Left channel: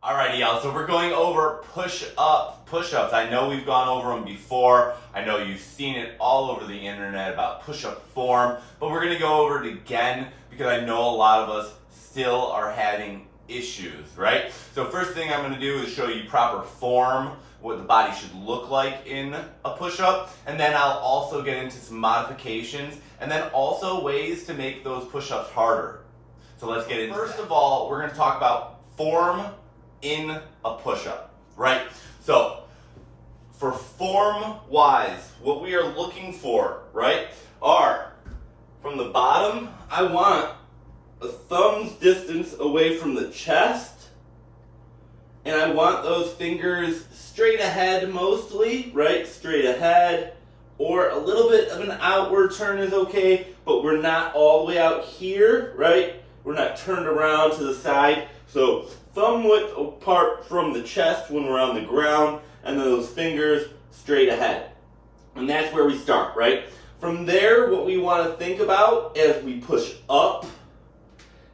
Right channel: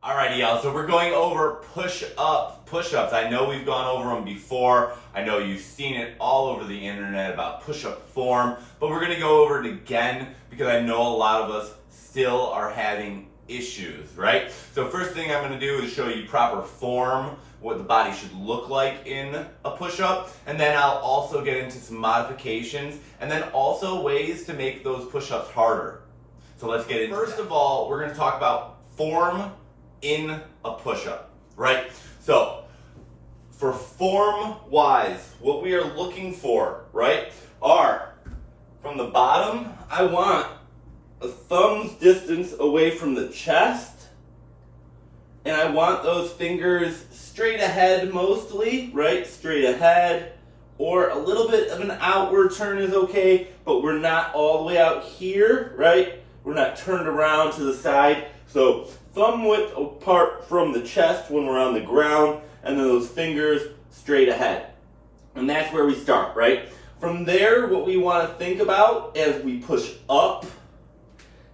Alrighty, y'all. So we're going over push-ups. I know we've gone over them before. I know you've seen it all over the internet about push-up form, but we're gonna go over it again because I know a lot of us still are having issues, right? So first thing I'm gonna do is show you proper form, what the body should look like in a push-up, and then I'll also get into some modifications, and then also ways to make those push-ups harder. So let's get into it. First of all, we're gonna talk about form in a push-up, right? So for form wise, what we are looking for, right, are from the bottom, I want a thumb's distance away from the chest, and I want those fingers straight ahead mostly, right? Straight ahead, or a little bit of an outward turn is okay, but we're not all the way out here, right? We're not turned around to the side. So thumb width apart from the chest when we're on the ground, and then those fingers straight ahead. And that's where we start, right? From there, what we want to think about as we push up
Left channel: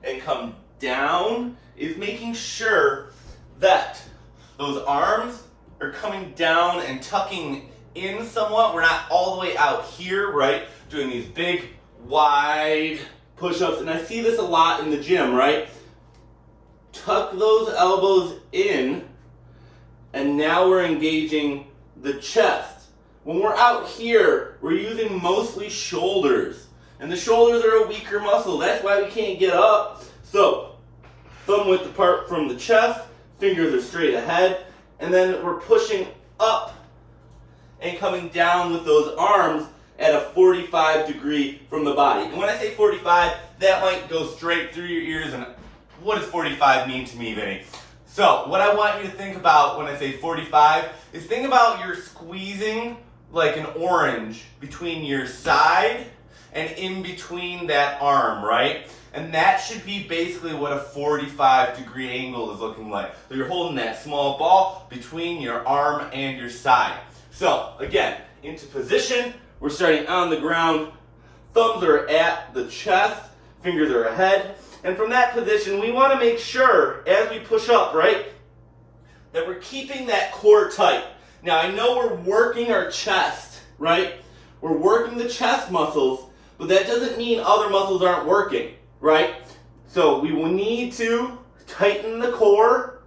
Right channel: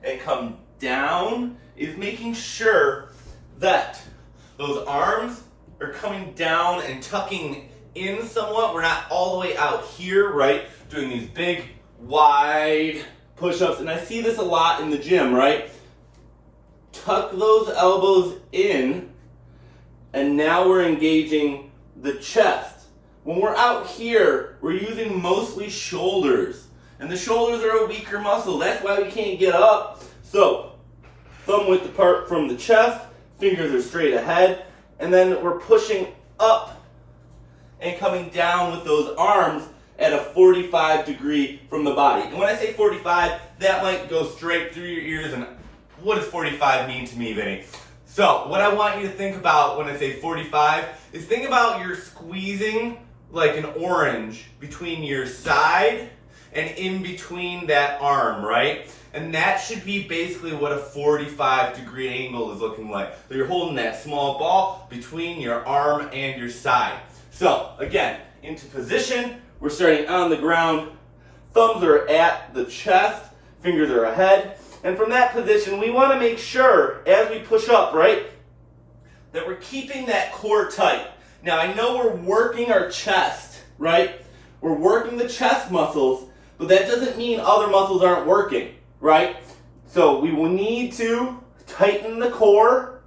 and come down is making sure that those arms are coming down and tucking in somewhat. We're not all the way out here, right? Doing these big, wide push-ups. And I see this a lot in the gym, right? Tuck those elbows in, and now we're engaging the chest. When we're out here, we're using mostly shoulders, and the shoulders are a weaker muscle. That's why we can't get up. So, thumb width apart from the chest, fingers are straight ahead, and then we're pushing up and coming down with those arms at a 45 degree from the body. And when I say 45, that might go straight through your ears, and what does 45 mean to me, Vinny? So what I want you to think about when I say 45 is think about you're squeezing like an orange between your side and in between that arm, right? And that should be basically what a 45 degree angle is looking like. So you're holding that small ball between your arm and your side. So again, into position, we're starting on the ground, thumbs are at the chest, fingers are ahead. And from that position, we want to make sure, as we push up, right, that we're keeping that core tight. Now, I know we're working our chest, right? We're working the chest muscles, but that doesn't mean other muscles aren't working, right? So we will need to tighten the core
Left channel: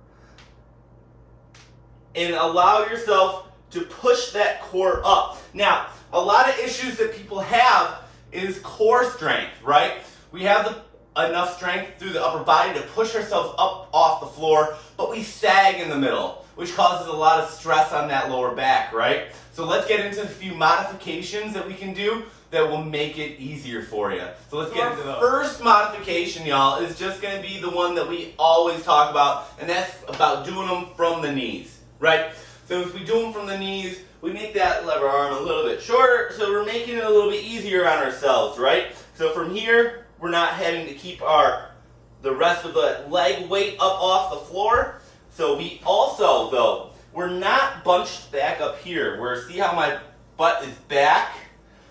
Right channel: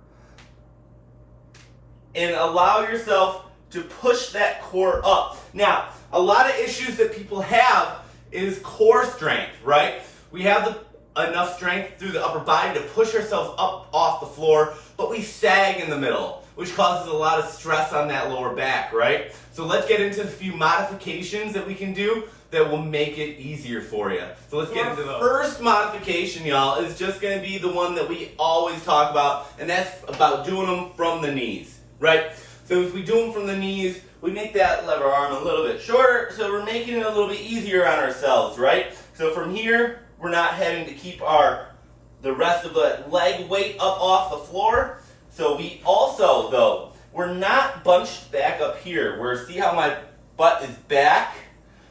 and allow yourself to push that core up. Now, a lot of issues that people have is core strength, right? We have enough strength through the upper body to push ourselves up off the floor, but we sag in the middle, which causes a lot of stress on that lower back, right? So let's get into a few modifications that we can do that will make it easier for you. So let's get into the first modification, y'all, is just gonna be the one that we always talk about, and that's about doing them from the knees, right? So if we do them from the knees, we make that lever arm a little bit shorter, so we're making it a little bit easier on ourselves, right? So from here, we're not having to keep the rest of the leg weight up off the floor. So we also, though, we're not bunched back up here. See how my butt is back?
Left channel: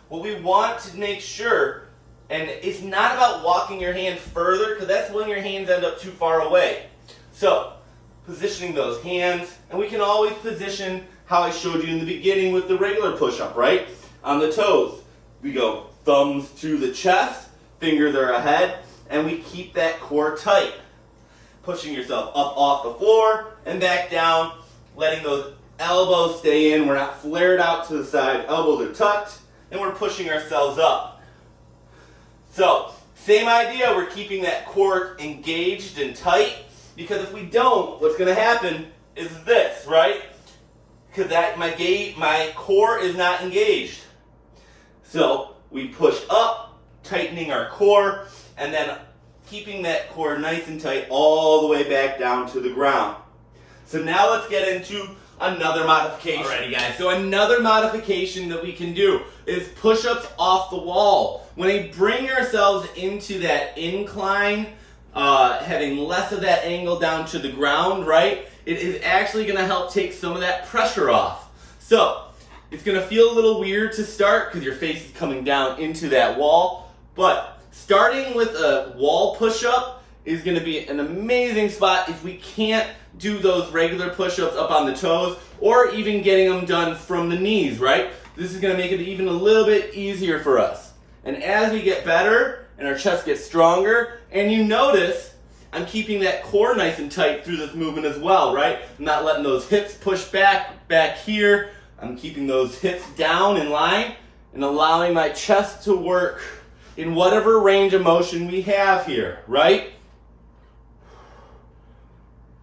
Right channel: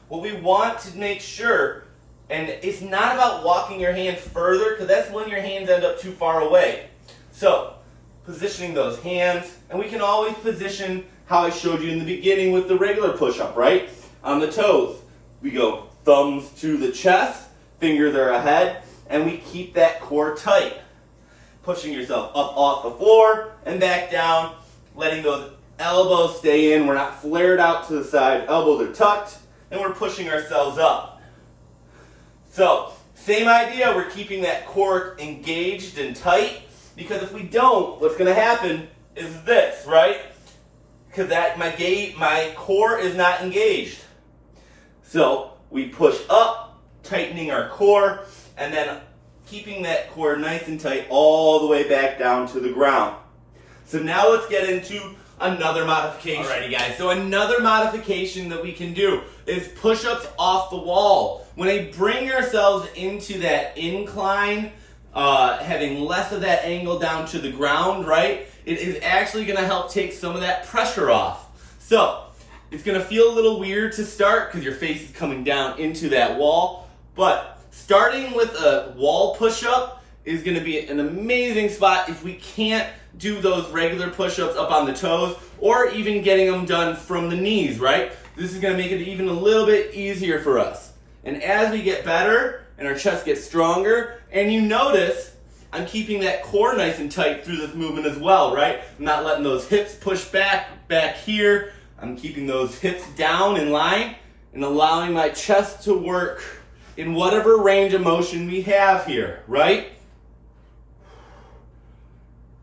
What we want to make sure, and it's not about walking your hands further, because that's when your hands end up too far away. So positioning those hands, and we can always position how I showed you in the beginning with the regular push-up, right? On the toes, we go thumbs to the chest, fingers are ahead, and we keep that core tight. Pushing yourself up off the floor and back down, letting those elbows stay in. We're not flared out to the side, elbows are tucked, and we're pushing ourselves up. So, same idea, we're keeping that core engaged and tight, because if we don't, what's gonna happen is this, right? Because my core is not engaged. So, we push up, tightening our core, and then keeping that core nice and tight all the way back down to the ground. So now let's get into another modification. Alrighty guys, so another modification that we can do is push-ups off the wall. When we bring ourselves into that incline, having less of that angle down to the ground, right, it is actually gonna help take some of that pressure off. So, it's gonna feel a little weird to start because your face is coming down into that wall, but starting with a wall push-up is going to be an amazing spot if we can't do those regular push-ups up on the toes, or even getting them done from the knees, right? This is going to make it even a little bit easier for us. And as we get better and our chest gets stronger, and you notice I'm keeping that core nice and tight through this movement as well, right? I'm not letting those hips push back here. I'm keeping those hips down in line and allowing my chest to work in whatever range of motion we have here, right?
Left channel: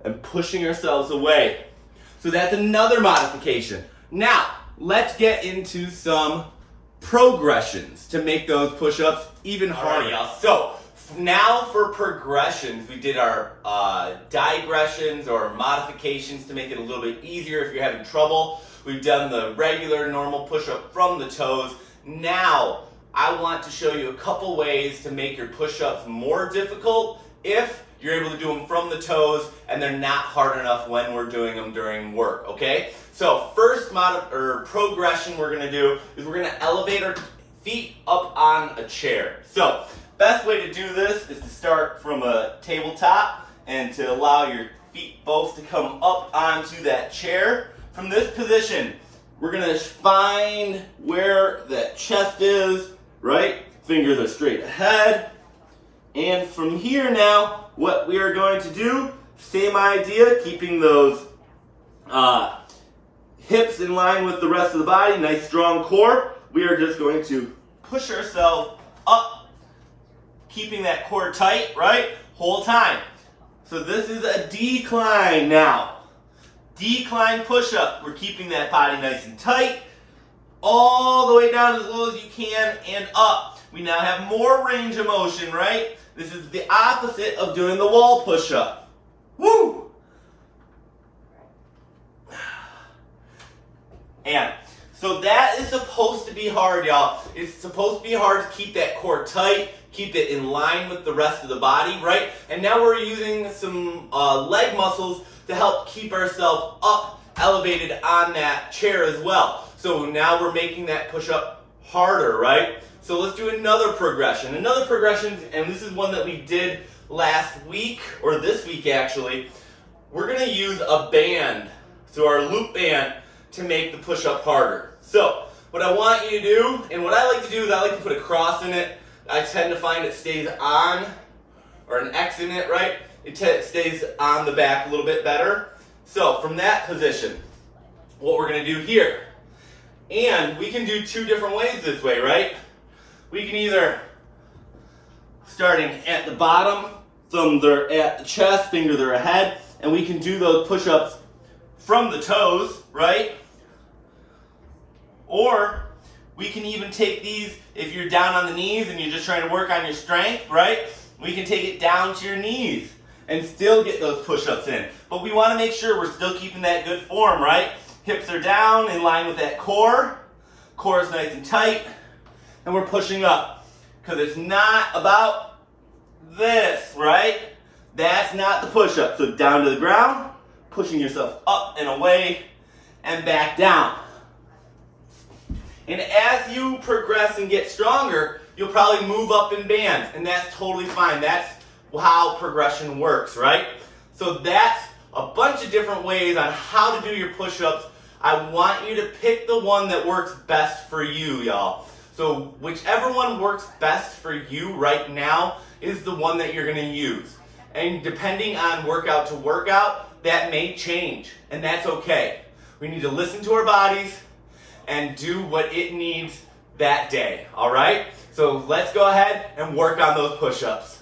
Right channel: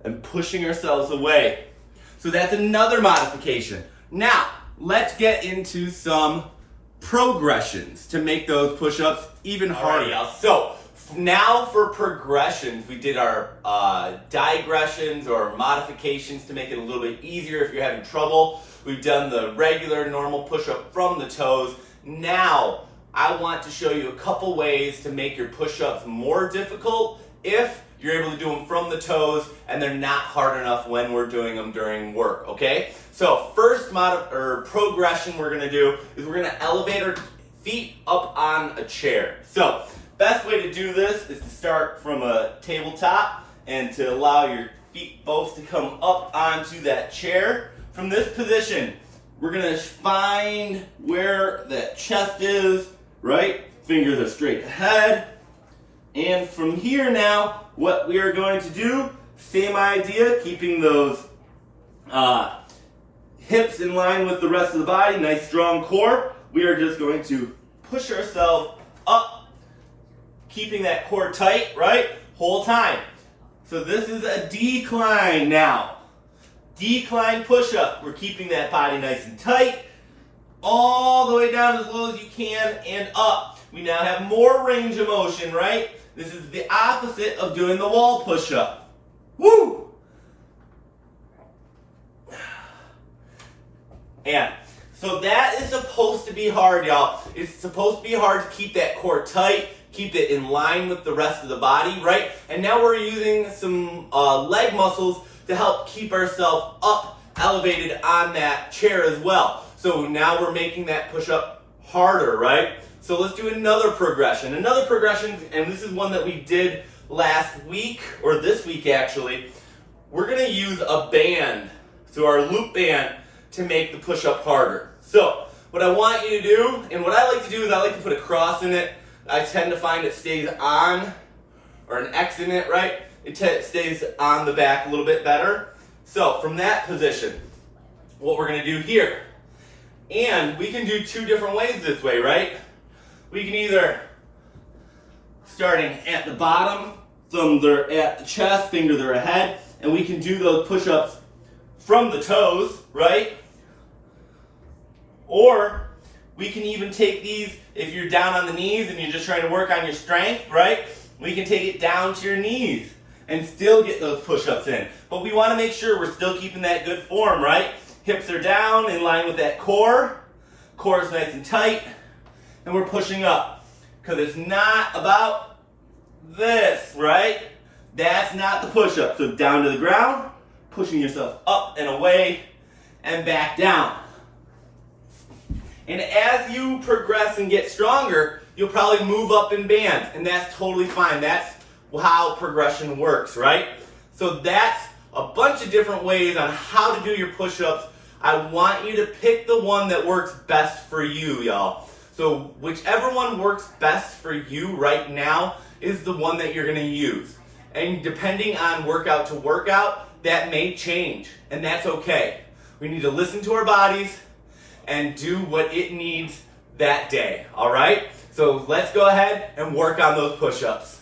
And pushing ourselves away. So that's another modification. Now, let's get into some progressions to make those push-ups even harder. Y'all. So now for progressions, we did our digressions or modifications to make it a little bit easier if you're having trouble. We've done the regular normal push-up from the toes. Now, I want to show you a couple ways to make your push-ups more difficult if you're able to do them from the toes and they're not hard enough when we're doing them during work, okay? So first progression we're gonna do is we're gonna elevate our feet up on a chair. So best way to do this is to start from a tabletop and to allow your feet both to come up onto that chair. From this position, we're gonna find where that chest is, right? Fingers are straight ahead. And from here now, what we are going to do, same idea, keeping those hips in line with the rest of the body, nice strong core. We are just going to push ourselves up, keeping that core tight, right? Whole time. So this is a decline now. Decline push-up. We're keeping that body nice and tight, all the way down as low as you can and up. We now have more range of motion, right? This is the opposite of doing the wall push-up. Woo! And so that is supposed to be hard, y'all. It's supposed to be hard to keep that core tight, keep it in line with the rest of the body, right? And now we're using some leg muscles to help keep ourselves up, elevated on that chair as well. So now we're making that push-up harder, right? So let's do another progression. Another progression, and this is one that we did last week, or this week actually. We're gonna use a band, so our loop band, to make the push-up harder. So what I want you to do, and what I like to do is I like to put a cross in it. I tend to find it stays on, or an X in it, right? It stays on the back a little bit better. So from that position, what we're gonna do here, and we can do two different ways this way, right? We can either, starting at the bottom, thumbs are at the chest, fingers are ahead, and we can do those push-ups from the toes, right? Or we can even take these, if you're down on the knees and you're just trying to work on your strength, right? We can take it down to your knees and still get those push-ups in. But we want to make sure we're still keeping that good form, right? Hips are down in line with that core. Core is nice and tight. And we're pushing up. Because it's not about this, right? That's not the push-up. So down to the ground, pushing yourself up and away and back down. And as you progress and get stronger, you'll probably move up in bands, and that's totally fine. That's how progression works, right? So that's a bunch of different ways on how to do your push-ups. I want you to pick the one that works best for you, y'all. So whichever one works best for you right now is the one that you're gonna use. And depending on workout to workout, that may change, and that's okay. We need to listen to our bodies and do what it needs that day, all right? So let's go ahead and work on those push-ups.